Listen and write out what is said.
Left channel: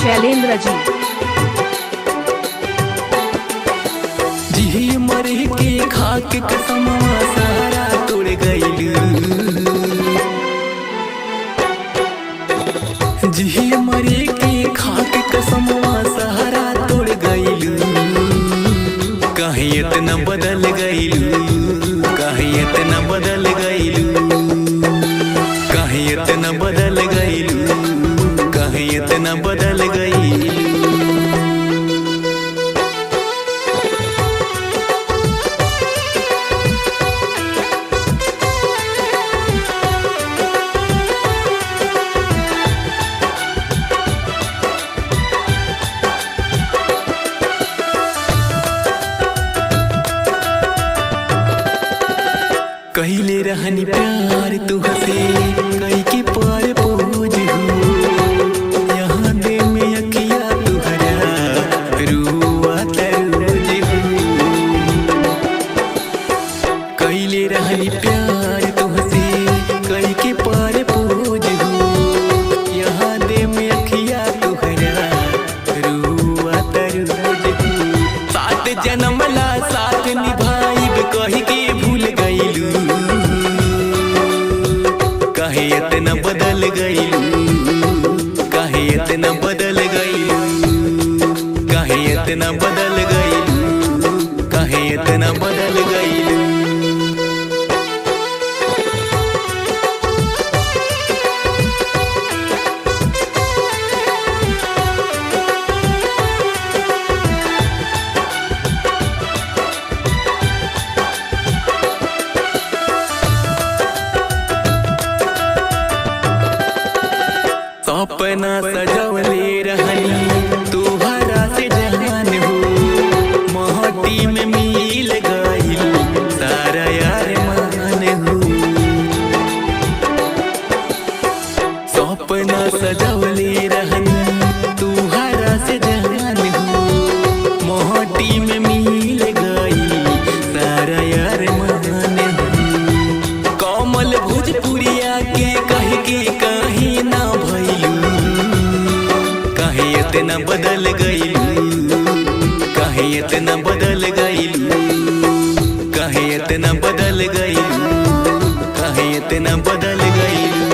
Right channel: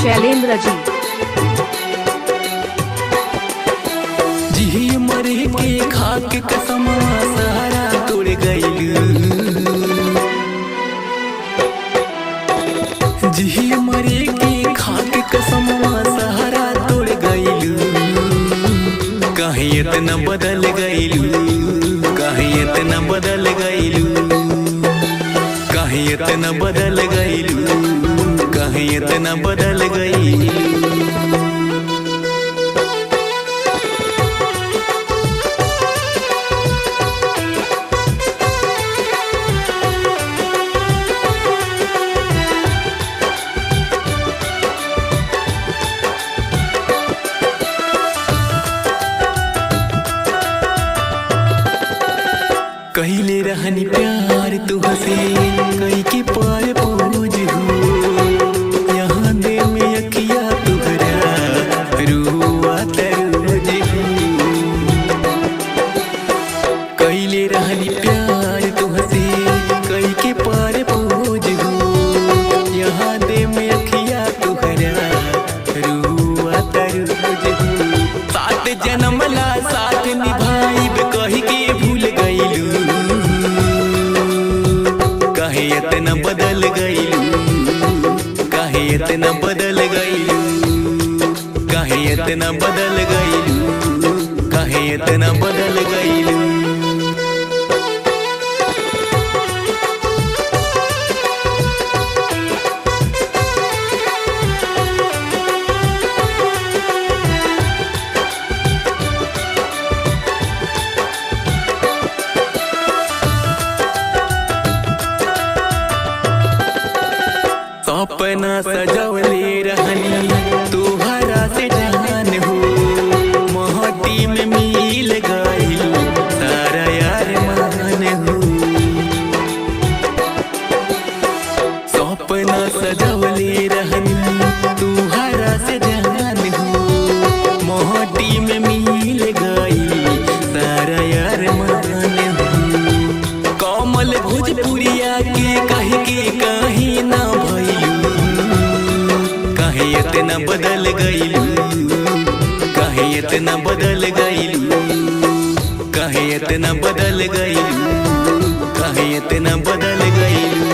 शैलेंद्र जी। जी मरे के खाक कसमवा सारा तोड़ गइलू, जी मरे के खाक कसमवा सहारा तोड़ गइलू। काहे इतना बदल गइलू, काहे इतना बदल गइलू, काहे इतना बदल गइलू, काहे इतना बदल गइलू। कहिले रहनी प्यार तुहसे कई के पार पूज हो, यहाँ दे में अखिया तुहरा रुआ तरोज हो। कहिले रहनी प्यार तुहसे कई के पार पूज हो, यहाँ दे में अखिया तुहरा रुआ तरोज हो। साथ जन्मला साथ निभाइब कही के भूल गइलू, काहे इतना बदल गइलू, काहे इतना बदल गइलू, काहे इतना बदल गइलू, काहे इतना बदल गइलू। सपना सजवले रहनी तोहरा से जान हो, महटी में मिल गइल सारा यार मान हो। सपना सजवले रहनी तोहरा से जान हो, महटी में मिल गइल सारा यार मान हो। कमल भोजपुरिया के कह के कहीं ना भइलू, काहे इतना बदल गइलू, काहे इतना बदल गइलू, काहे इतना बदल गइलू, काहे इतना बदल गइलू।